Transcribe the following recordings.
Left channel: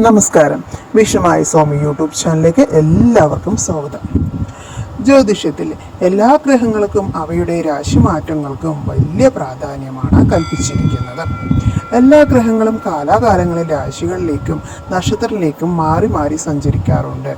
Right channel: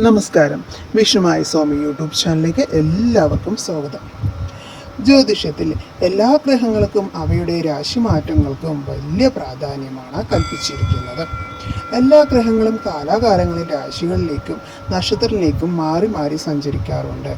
നമസ്കാരം. വിഷുമായി സ്വാമി യൂട്യൂബ് ചാനലിലേക്ക് എല്ലാവർക്കും സ്വാഗതം. ജ്യോതിഷത്തിൽ എല്ലാ ഗ്രഹങ്ങൾക്കും അവയുടെ രാശിമാറ്റങ്ങൾക്കും വലിയ പ്രാധാന്യമാണ് കൽപ്പിച്ചിരിക്കുന്നത്. എല്ലാ ഗ്രഹങ്ങളും കാലാകാലങ്ങളിൽ രാശികളിലേക്കും നക്ഷത്രത്തിലേക്കും മാറി മാറി സഞ്ചരിക്കാറുണ്ട്.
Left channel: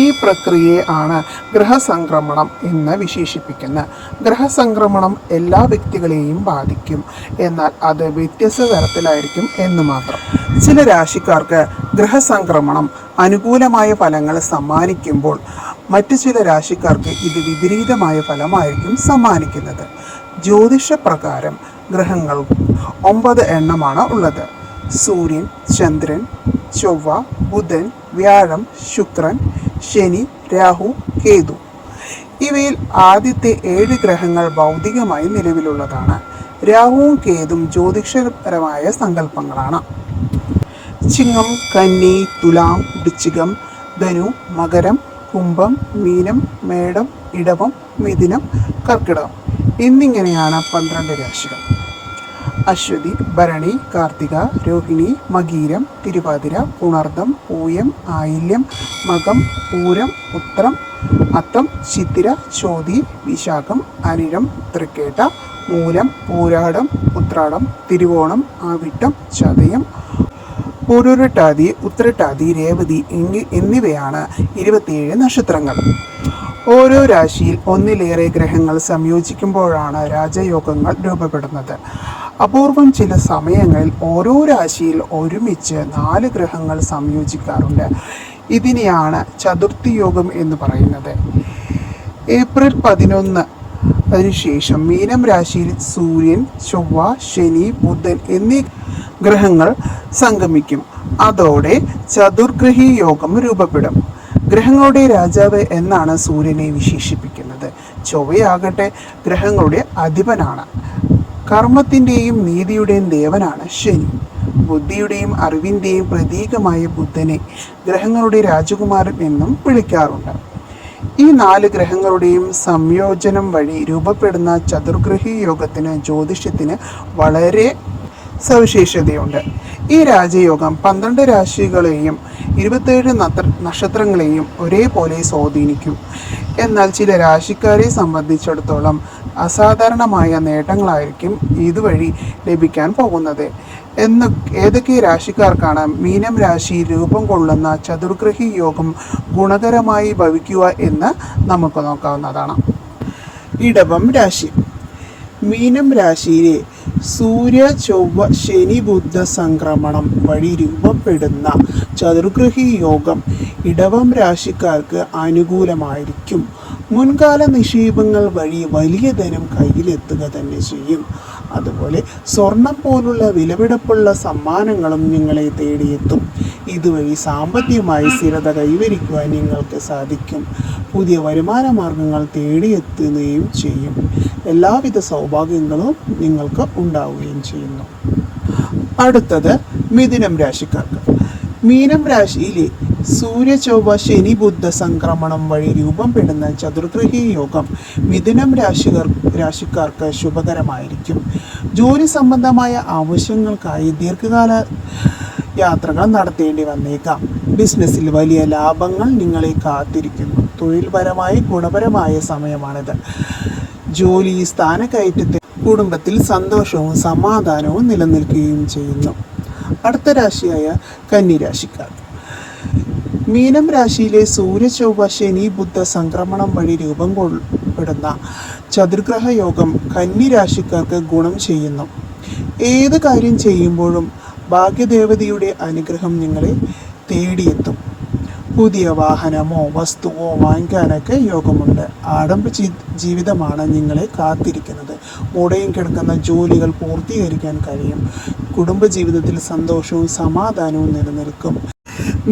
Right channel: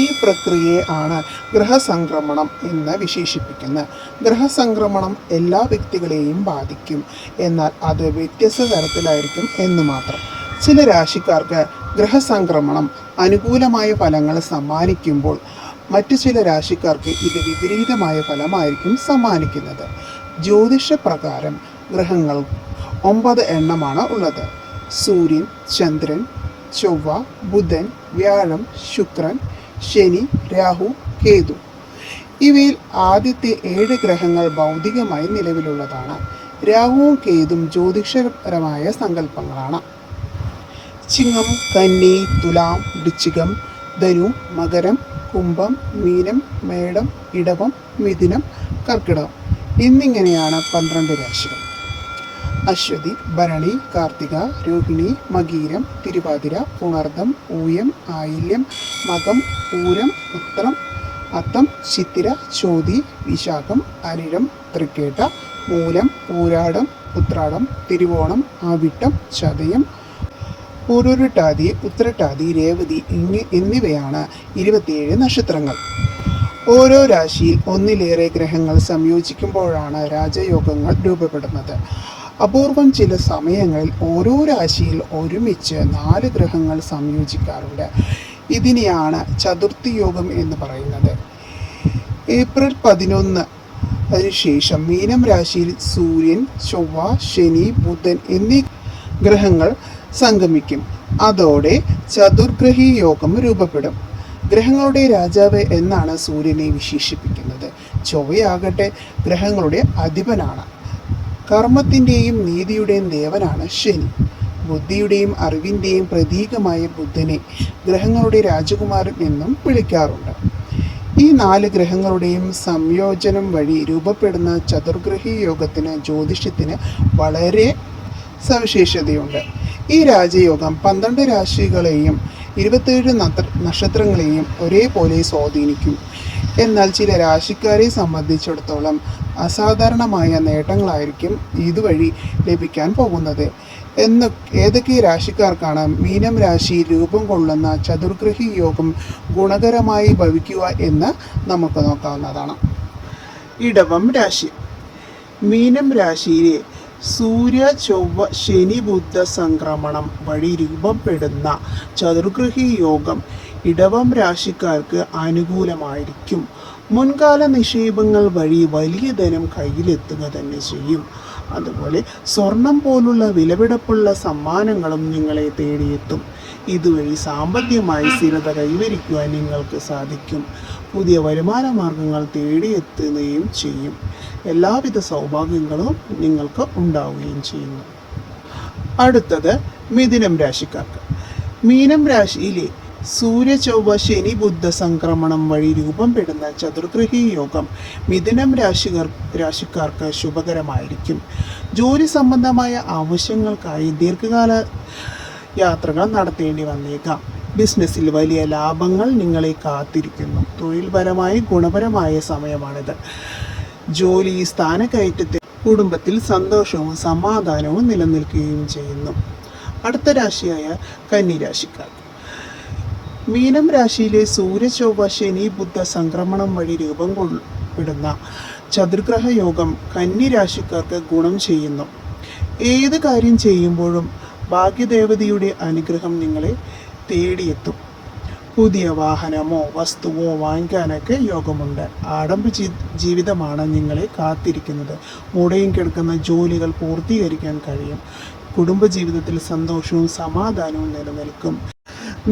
ഈ പ്രക്രിയയെ ആണ് ഗ്രഹസംക്രമണം എന്ന് വിശേഷിപ്പിക്കുന്നത്. ഗ്രഹസംക്രമണം എല്ലാ വ്യക്തികളെയും ബാധിക്കും, എന്നാൽ അത് വ്യത്യസ്ത തരത്തിലായിരിക്കും എന്ന് മാത്രം. ചില രാശിക്കാർക്ക് ഗ്രഹസംക്രമണം അനുകൂലമായ ഫലങ്ങൾ സമ്മാനിക്കുമ്പോൾ മറ്റു ചില രാശിക്കാർക്ക് ഇത് വിപരീതമായ ഫലമായിരിക്കും സമ്മാനിക്കുന്നത്. ജ്യോതിഷപ്രകാരം ഗ്രഹങ്ങൾ 9 എണ്ണമാണ് ഉള്ളത്. സൂര്യൻ, ചന്ദ്രൻ, ചൊവ്വ, ബുധൻ, വ്യാഴം, ശുക്രൻ, ശനി, രാഹു, കേതു. ഇവയിൽ ആദ്യത്തെ 7 ഗ്രഹങ്ങൾ ഭൗതികമായി നിലവിലുള്ളതാണ്. രാഹുവും കേതും ജ്യോതിഷപരമായ സങ്കല്പങ്ങളാണ്. ചിങ്ങം, കന്നി, തുലാം, വൃശ്ചികം, ധനു, മകരം, കുംഭം, മീനം, മേടം, ഇടവം, മിഥുനം, കർക്കിടകം എന്നിങ്ങനെയാണ് 12 രാശികൾ. അശ്വതി, ഭരണി, കാർത്തിക, രോഹിണി, മകീരം, തിരുവാതിര, പുണർദം, പൂയം, ആയില്യം, മകം, പൂരം, ഉത്രം, അത്തം, ചിത്തിര, ചോതി, വിശാഖം, അനിഴം, തൃക്കേട്ട, മൂലം, പൂരാടം, ഉത്രാടം, തിരുവോണം, ആവിട്ടം, ചതയം, പൂരുരുട്ടാതി, ഉത്രട്ടാതി, രേവതി എന്നിവയാണ് 27 നക്ഷത്രങ്ങൾ. ഓരോ രാശിയിൽ ഒന്നിലേറെ ഗ്രഹങ്ങൾ സംയോജിക്കുമ്പോഴാണ് രാജയോഗങ്ങൾ രൂപപ്പെടുന്നത്. അപൂർവം ചില സമയങ്ങളിൽ ഓരോ രാശിയിൽ ഒരുമിച്ച് 4 ഗ്രഹങ്ങൾ സംയോജിക്കാറുണ്ട്. ഇതിനെയാണ് ചതുർത്ഥി യോഗം എന്ന് പറയുന്നത്. ഏപ്രിൽ 11 ശേഷം മീനം രാശിയിൽ സൂര്യൻ, ചൊവ്വ, ശനി, ബുധൻ എന്നീ ഗ്രഹങ്ങൾ സംഗമിക്കും. അതോടെ ചതുർഗ്രഹി യോഗം രൂപപ്പെടും. ഗ്രഹങ്ങളുടെ രാജാവ് എന്നാണ് സൂര്യനെ വിശേഷിപ്പിക്കുന്നത്. ചൊവ്വയാകട്ടെ ഗ്രഹങ്ങളുടെ അധിപനാണ്. കർമ്മത്തിൻ്റെയും നീതിയുടെയും ദേവനാണ് ശനി. ബുദ്ധിയുടെയും അറിവിൻ്റെയും പ്രതീകമായ ബുധനെ ഗ്രഹങ്ങളുടെ രാജകുമാരൻ എന്നും വിളിക്കാറുണ്ട്. ഈ 4 ഗ്രഹങ്ങളുടെയും സംയോജനം വഴി രൂപപ്പെടുന്ന ചതുർഗ്രഹി യോഗത്തിന് ജ്യോതിഷത്തിന് വളരെ സവിശേഷതയുണ്ട്. ഈ രാജയോഗം 12 രാശികളെയും 27 നക്ഷത്രങ്ങളെയും ഒരേപോലെ സ്വാധീനിക്കും. എന്നാൽ ചില രാശിക്കാരെ സംബന്ധിച്ചിടത്തോളം അസാധാരണമായ നേട്ടങ്ങളായിരിക്കും ഇതുവഴി ലഭിക്കാൻ പോകുന്നത്. ഏതൊക്കെ രാശിക്കാർക്കാണ് മീനം രാശി രൂപം കൊള്ളുന്ന ചതുർഗ്രഹി യോഗം ഗുണകരമായി ഭവിക്കുക എന്ന് നമുക്ക് നോക്കാവുന്നതാണ്. ഇടവം രാശി. മീനം രാശിയിലെ സൂര്യ, ചൊവ്വ, ശനി, ബുധ സംക്രമണം വഴി രൂപപ്പെടുന്ന ചതുർഗ്രഹി യോഗം ഇടവം രാശിക്കാർക്ക് അനുകൂലമായിരിക്കും. മുൻകാല നിക്ഷേപങ്ങൾ വഴി വലിയ ധനം കയ്യിലെത്തുക തന്നെ ചെയ്യും. അതുപോലെ സ്വർണം പോലുള്ള വിലപിടിപ്പുള്ള സമ്മാനങ്ങളും നിങ്ങളെ തേടിയെത്തും. ഇതുവഴി സാമ്പത്തികമായി സ്ഥിരത കൈവരിക്കുവാൻ നിങ്ങൾക്ക് സാധിക്കും. പുതിയ വരുമാന മാർഗങ്ങൾ തേടിയെത്തുകയും ചെയ്യും. എല്ലാവിധ സൗഭാഗ്യങ്ങളും നിങ്ങൾക്ക് ഉണ്ടാവുകയും ചെയ്യുന്നു. അടുത്തത് മിഥുനം രാശിക്കാർക്ക്. മീനം രാശിയിലെ സൂര്യ, ചൊവ്വ, ശനി, ബുധ സംക്രമണം വഴി രൂപപ്പെടുന്ന ചതുർഗ്രഹി യോഗം മിഥുനം രാശിക്കാർക്ക് ശുഭകരമായിരിക്കും. ജോലി സംബന്ധമായ ആവശ്യങ്ങൾക്കായി ദീർഘകാല യാത്രകൾ നടത്തേണ്ടി വന്നേക്കാം. ബിസിനസ്സിൽ വലിയ ലാഭങ്ങൾ നിങ്ങളെ കാത്തിരിക്കുന്നു. തൊഴിൽപരമായി ഗുണപരമായ സമയമാണിത്. ജോലി സ്ഥാനക്കയറ്റത്തിൽ കുടുംബത്തിൽ സന്തോഷവും സമാധാനവും നിലനിൽക്കുകയും ചെയ്യുന്നു. അടുത്ത രാശിയായ കന്നി രാശിക്കാർ. മീനം രാശിയിലെ സൂര്യ, ചൊവ്വ, ശനി, ബുധ സംക്രമണം വഴി രൂപം കൊള്ളപ്പെടുന്ന ചതുർഗ്രഹ യോഗം കന്നി രാശിക്കാർക്ക് ഗുണം ചെയ്യുന്നു. ഏത് കാര്യം ചെയ്യുമ്പോഴും ഭാഗ്യദേവതയുടെ അനുഗ്രഹം നിങ്ങളെ തേടിയെത്തും. പുതിയ വാഹനമോ വസ്തുവോ വാങ്ങിക്കാനൊക്കെ യോഗമുണ്ട്. ആഡംബര ജീവിതമാണ് നിങ്ങളെ കാത്തിരിക്കുന്നത്. മുടയും കിടക്കുന്ന ജോലികൾ പൂർത്തീകരിക്കാൻ കഴിയും. കുടുംബജീവിതത്തിൽ സന്തോഷവും സമാധാനവും നിലനിൽക്കും.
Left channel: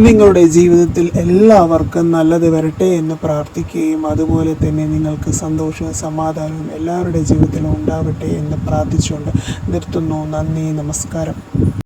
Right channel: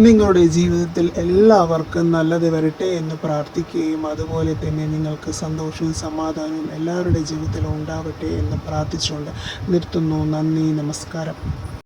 നിങ്ങളുടെ ജീവിതത്തിൽ എല്ലാവർക്കും നല്ലത് വരട്ടെ എന്ന് പ്രാർത്ഥിക്കുകയും അതുപോലെ തന്നെ നിങ്ങൾക്ക് സന്തോഷവും സമാധാനവും എല്ലാവരുടെ ജീവിതത്തിലും ഉണ്ടാവട്ടെ എന്ന് പ്രാർത്ഥിച്ചുകൊണ്ട് നിർത്തുന്നു. നന്ദി, നമസ്കാരം.